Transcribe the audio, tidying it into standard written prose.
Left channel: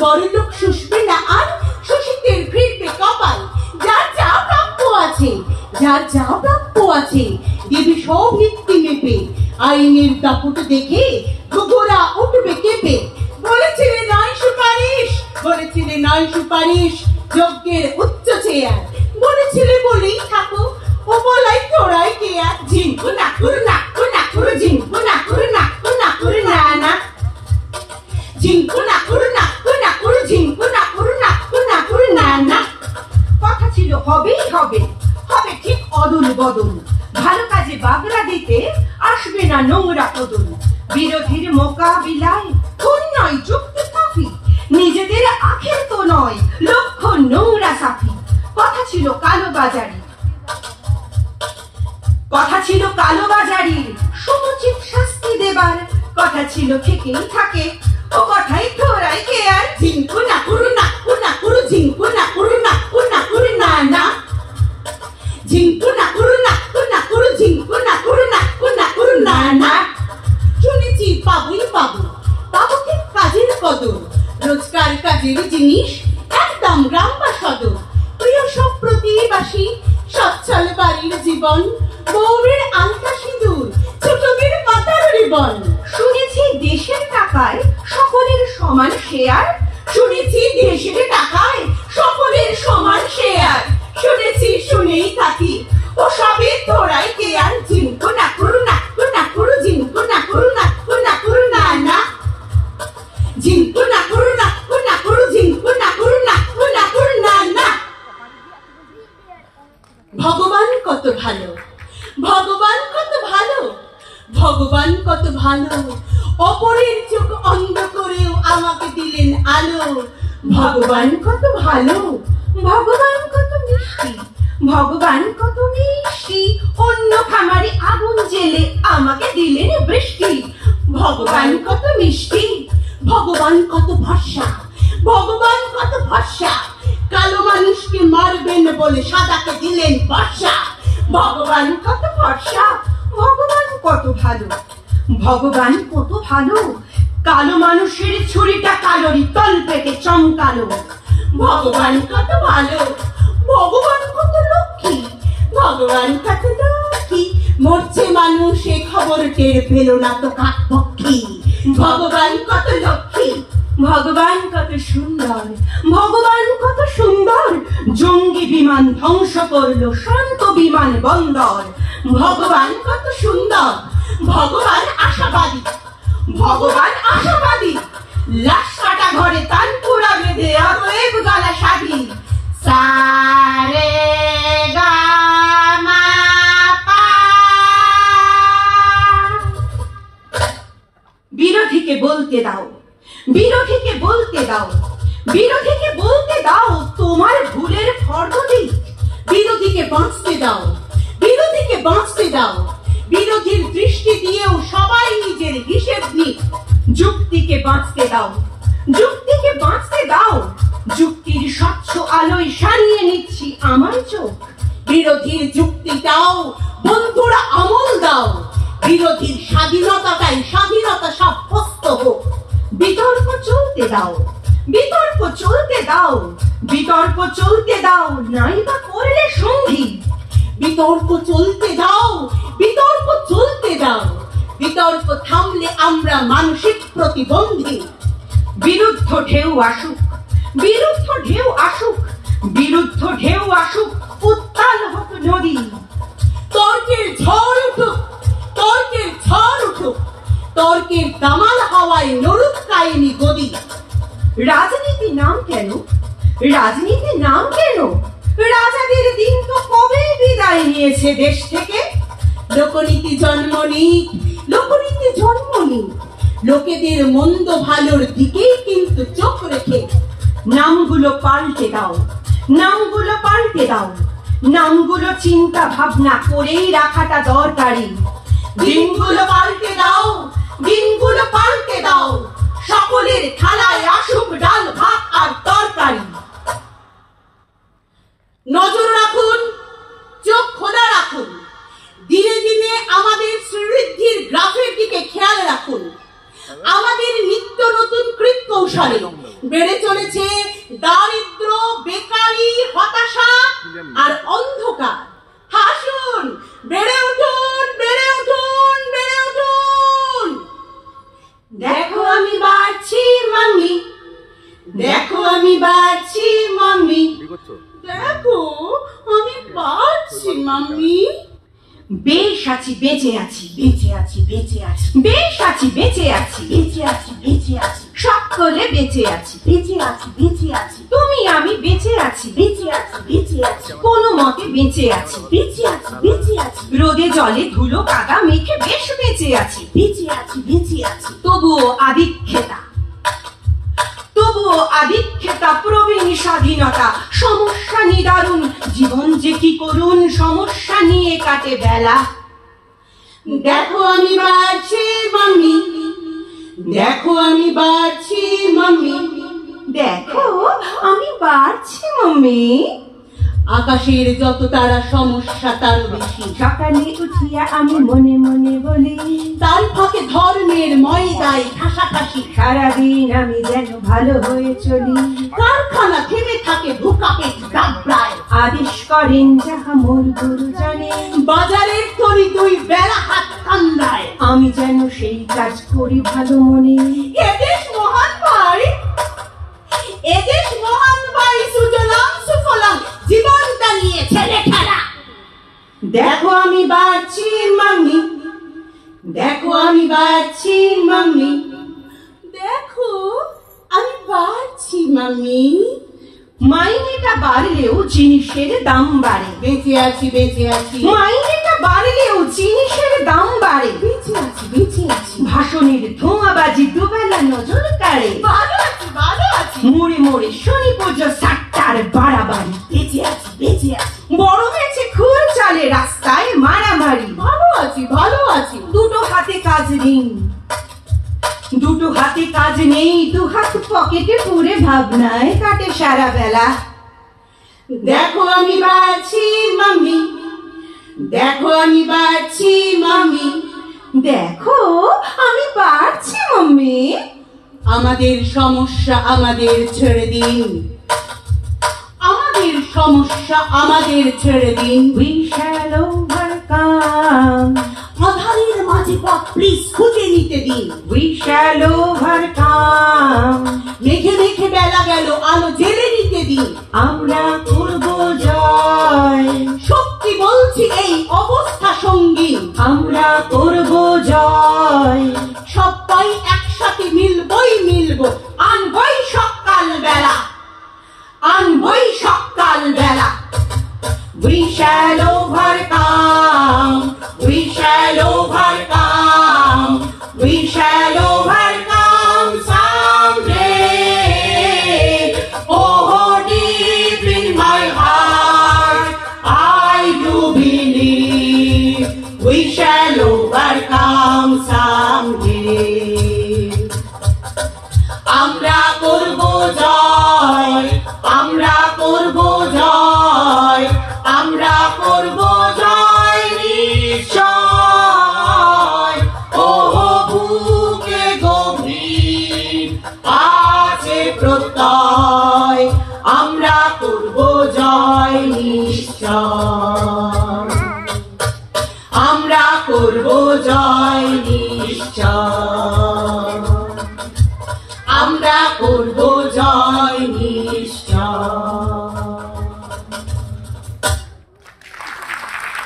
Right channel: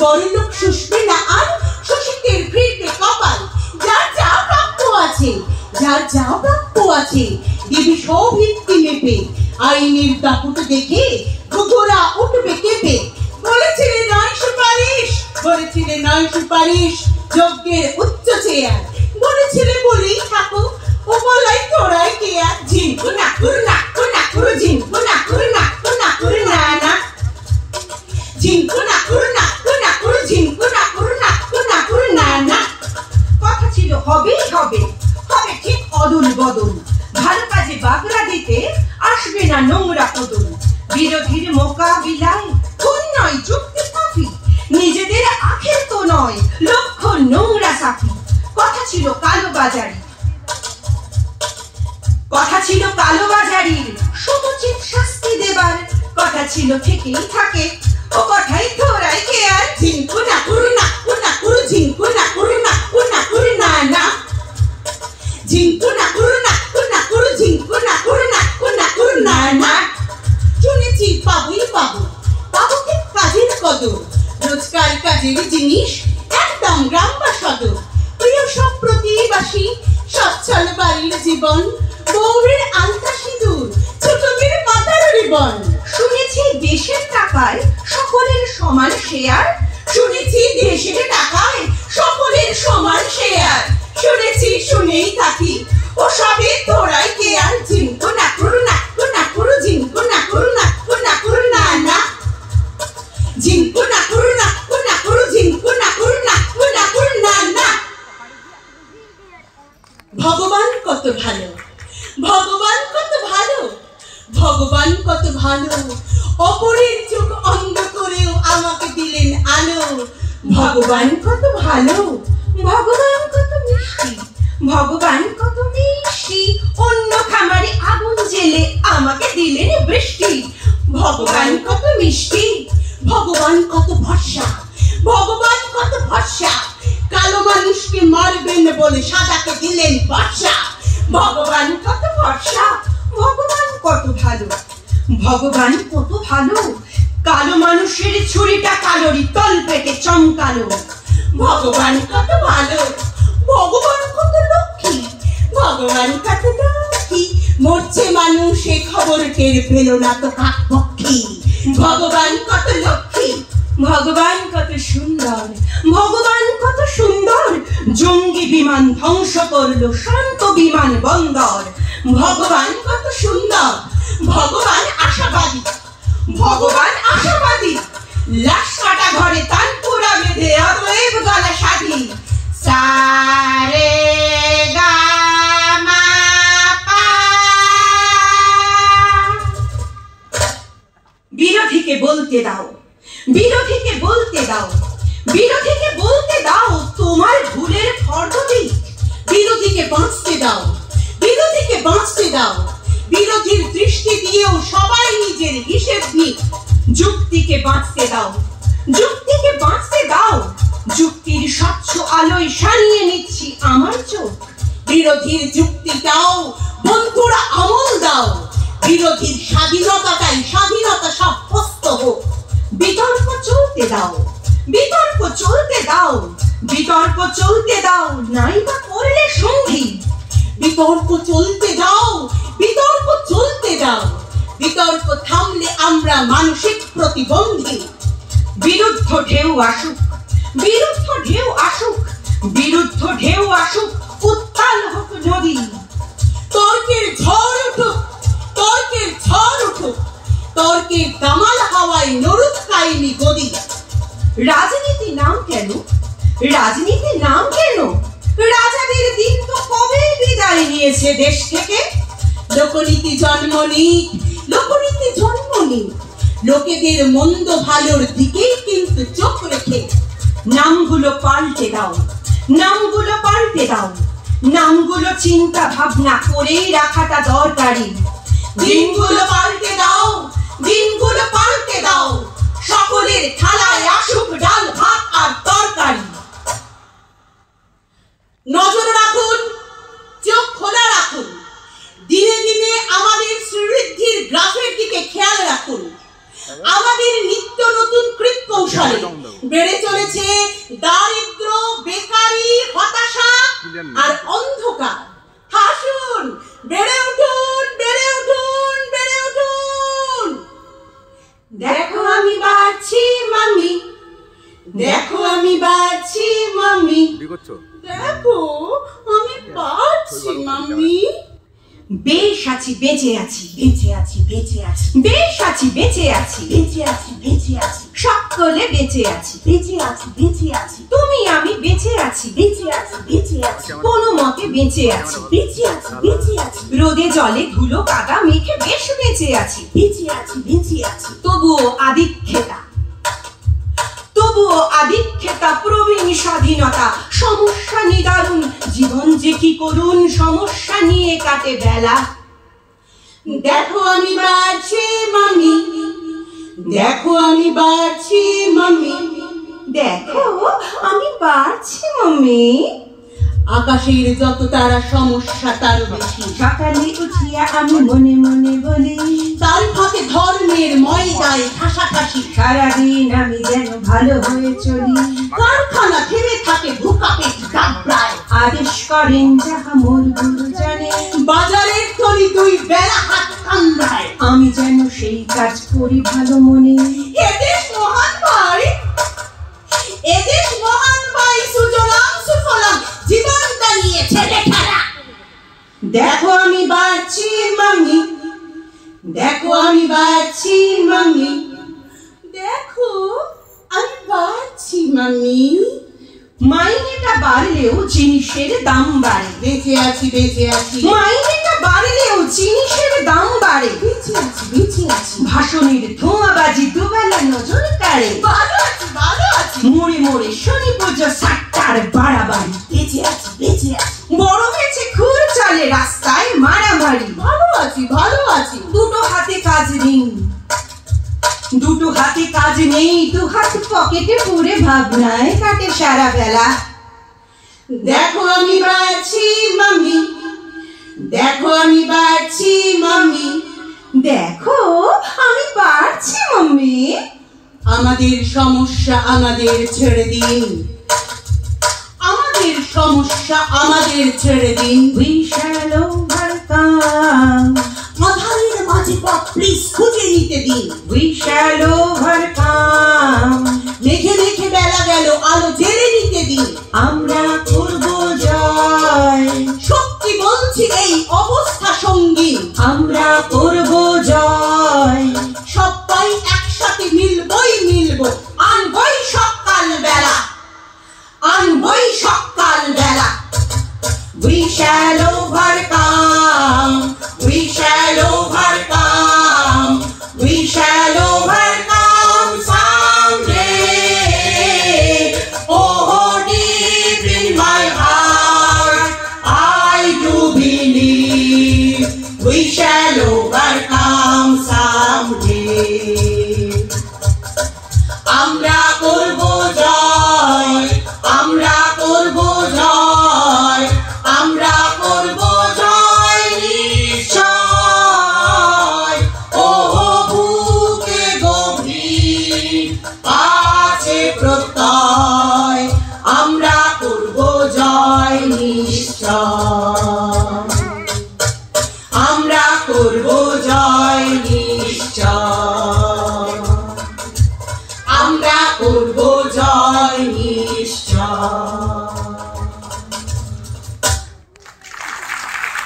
বড়লোক শুষবে না আর, শোষিতের ফিরবে কপাল। যার যা প্রাপ্য আছে, যার যা প্রাপ্য আছে, দেবী সব ভিত্তি মেপে। আইনের দাপট দেখে ঘোঘরা উঠবে কেঁপে। বলেছিলে নয় সুপারিশ, বলেছিলে নয় সুপারিশ, যজ্ঞের উচ্চ চেয়ার। বলেছিলে বলেই থাকো, ও বলাই তোরাই কে আর। ঝিনকু না করু না না করু, ঝিনকু না করু না করু না না, ঝিনকু না করু না করু, ঝিনকু না করু না না। কথা ছিল হবেই হবে, হবে ঠিক অদল বদল। ভালো কাজে বাগড়া দিতে আসবে না নোংরা কদল। বিরোধীর মোকাবিলায় খুন নয় যুক্তি কাফি, নিজেদের আখের তো নয় লক্ষ্য নোংরা সাফি। কথা ছিল কালোবাজারি, কথা ছিল কালোবাজারির সমুচিত শাস্তি দেবার। কথা ছিল থেকেই থাকে, ও কথাই তোরাই কে আর। ঝিনকু না করু না করু, ঝিনকু না করু না না, ঝিনকু না করু করু, ঝিনকু না করু না না। শুনেছি পাবই পাবো, পাবো কি কাজের কদর। রোজকার কাজের জিনিস একদম গ্রাম বা সদর। প্রিয় সব প্রতিবাসী, সচ্ছল বাড়ির জীবন। বউয়ের আলতা সিঁদুর, ছোটদের মাথার রিবন। শুনেছি দেশের টাকায় সকলের সমান শেয়ার। শুনেছি দেশের টাকায় সকলের সমান শেয়ার। শুনেছি শুনেই থাকি, ও সবে তোরাই কে আর। ঝিনকু না করু ঝিনকু না করু না, ঝিনকু না করু, ঝিনকু না করু না। ভগবান কত ভালো, ভগবান কত ভালো, ভগবান কত ভালো। অপরের চোখ অন্ধ করেও আমাকে দিলেন আলো। ভগবান কত ভালো, ভগবান কত মিষ্টি, ভগবান কত মিষ্টি। অন্য খামারে আগুন জেলে আমাকে দিলেন বৃষ্টি। ভগবান কত মিষ্টি, ভগবান কত ভরসা, ভগবান কত ভরসা। কালো মানুষকে মারবেন বলে সাদাকে দিলেন বর্ষা। ভগবান কত ভরসা, ভগবান কত ভালো, ভগবান কত ভালো। কালো মানুষের ছুরিটা কালোরি তল পেটে চমকালো। ভগবান কত ভালো, ভগবান কত লক্ষ্মী, ভগবান কত লক্ষ্মী। মরছে মানুষ এ খবর টের পেল না তো কাকপক্ষী। ভগবান কত লক্ষ্মী, ভগবান কত সুন্দর, ভগবান কত সুন্দর। জঙ্গি বিমান ধ্বংস করলো শান্ত বিমান বন্দর। ভগবান কত সুন্দর, ভগবান আশাবাদী, ভগবান আশাবাদী। লাশ কাটা ঘরে তানপুরা বেঁধে অতএব গলা সাধি। সারে গা মা পা। বিরোধীকে বলতে দাও, বিরোধীকে বলতে দাও, বিরোধীকে বলতে দাও তোমার ভুলের ফর্দ দিক। বিরোধীকে বাঁচতে দাও, বিরোধীকে বাঁচতে দাও। বিরোধীর দৃষ্টি দিয়েও সবাই নিজের হিসেব নিক। যুক্তিকে বাঁচতে দাও, যুক্তিকে বাঁচতে দাও। যুক্তির স্বচ্ছ আলোয় সারিয়ে নিচ্ছি আমার চোখ। বিরোধীর যুক্তিটাও বন্ধুরা আমল দাও। বিরোধীর স্বাধীনতাটাই স্বাধীনতা সাব্যস্ত হোক। বিতর্ক চলতে দাও, বিতর্ক চলতে দাও, বিতর্ক চলতে দাও। নাই বা করলে সঙ্গী। বিতর্ক চলতে দাও, বিতর্ক চলতে দাও। বিতর্ক থামলে আমরা মানসিক প্রতিবন্ধী। বিরুদ্ধ ঢেউ আসুক, বিরুদ্ধ ঢেউ আসুক, বিরুদ্ধ ঢেউ আসুক। উত্তাল হোক নদী। তর্কের ঝড় উঠুক, তর্কের ঝড় উঠুক। তর্কের দামাল হাওয়ায় নড়ুক কাহিনী গদি। রাজনীতি নাম কেন, রাজনীতি নাম কেন? রাজাদের দিন তো কবে বিদায় নিয়েছে দেশ থেকে। লোকনীতি জন্ম নিক, লোকনীতি জন্ম নিক। লোকেদের মন্দ ভালোর দিকেই কিন্তু চোখ রেখে। নামগুলো পাল্টে দাও, নামগুলো পাল্টে দাও। নামগুলো চিন্তা ভাবনা করেই রাখাটা দরকারি। দিনগুলো পাল্টে দাও, দিনগুলো পাল্টে দাও। সকলের থালায় আসুক ডাল ভাত আর তরকারি। নজর রাখুন, চোখ খোলা রাখুন। দিনে দিনে আমাদের শ্রীবৃদ্ধির গ্রাফের দিকে খেয়াল রাখুন। আমাদের নিত্য নতুন কৃত কৌশলে বেড়ে চলেছে দারিদ্র, বেকারি, হতাশা আর অন্ধকার। হাসুন, বেড়ে উঠুন, বেড়ে উঠুন, বেড়ে উঠুন। দেখো আমি বাড়ছি মাম্মি, দেখো আমি বাড়ছি মাম্মি, দেখো আমি বাড়ছি মাম্মি। বেশ আছি, বেঁচে আছি, বেঁচে আছি, বেঁচে আছি, বেশ আছি, বেঁচে আছি, বেঁচে আছি, বেঁচে আছি, সকলে বেঁচে আছি, বেঁচে আছি, বেঁচে আছি, তুমি আমি বেঁচে আছি, বেঁচে আছি, বেঁচে আছি, কোনো মতে বেঁচে আছি, বেঁচে আছি, বেঁচে আছি, রোদে জলে ধুলো কাদা মেখে বেশ বেঁচে আছি, বেঁচে আছি, বেঁচে আছি, তবুও আদিক্ষেতা, তবুও আদিক্ষেতা, প্রবীণ স্বাধীনতা, সমস্যা নিদারুণ, জীবন যে কি করুন, সমস্যা নিয়ে কাটে বেলা। দেখো আমি বাড়ছি মাম্মি, দেখো আমি বাড়ছি মাম্মি, দেখো আমি বাড়ছি মাম্মি। আকাশের যত তারা সমস্যা তার বেশি, সকালে উঠিয়া আমি মনে মনে বলি, তার ফাঁকে ধর্মের ময়দায় ঠাসাঠাসি, সারাদিন আমি যেন ভালো হয়ে চলি, কারখানা থেমে থাকে ভুকা পেট ডাবড়ায়, আদেশ করেন যাহা মোর গুরু জানে, বাজারের তরি দুই বেলা হাত কান্দায়, আমি যেন সেই কাজ করি ভালো মনে। এদেশ মহান ভাই, এদেশ মহান ভাই, সুজলাম সুফলাম, জীবনটা নিয়ে ছেড়ে খেলা। দেখো আমি বাড়ছি মাম্মি, দেখো আমি বাড়ছি মাম্মি, দেখো আমি বাড়ছি মাম্মি। মাইনেটা বাড়লেও জিনিসের দাম বাড়ে, বেঁচে আছি, বেঁচে আছি, মাইনেটা বাড়লেও জিনিসের দাম বাড়ে, বেঁচে আছি, বেঁচে আছি, ভাষণের ধোঁয়াবাজি দুবেলা নজর কাড়ে, ভালো আছি, ভালো আছি, মোড়ে মোড়ে শনি পুজো সাতটার বাড়াবাড়ি, বেঁচে আছি, বেঁচে আছি, বড় হয়েছে খুর চলে রাস্তায় মারামারি, ভালো আছি, ভালো আছি, দুটো হাতে কাজ নেই, দুটো হাতে কাজ নেই, দু হাত পকেটে পুরে ভাবনায় কাটে সারা বেলা। দেখো আমি বাড়ছি মাম্মি, দেখো আমি বাড়ছি মাম্মি, দেখো আমি বাড়ছি মাম্মি। আমাদের সমস্যা আমাদের ছেড়ে দিন, আমাদের সমস্যা আমাদের ছেড়ে দিন, We shall overcome, আধারের মাঝে পথ প্লিজ খুঁজে নিতে দিন, we shall overcome, মেঘে মেঘে বেলা গেল আলো জেলে নিতে দিন, আমরা করব জয়, সত্যি বলছি এই অবস্থা সঙ্গী, আমরা করব জয়, সবাই একসাথে মিলবই মিলবো, আনবই সকাল বেলা, আনবই সকাল বেলা। We shall overcome, we shall overcome, we shall overcome someday. Oh, deep in my heart, I do believe we shall overcome someday. আমরা করব জয়, আমরা করব জয়, আমরা করব জয় নিশ্চয়। ওহ বুকে গভীর আছে প্রত্যয়, আমরা করব জয় নিশ্চয়, আমরা করব জয় নিশ্চয়, আমরা করব জয় নিশ্চয়।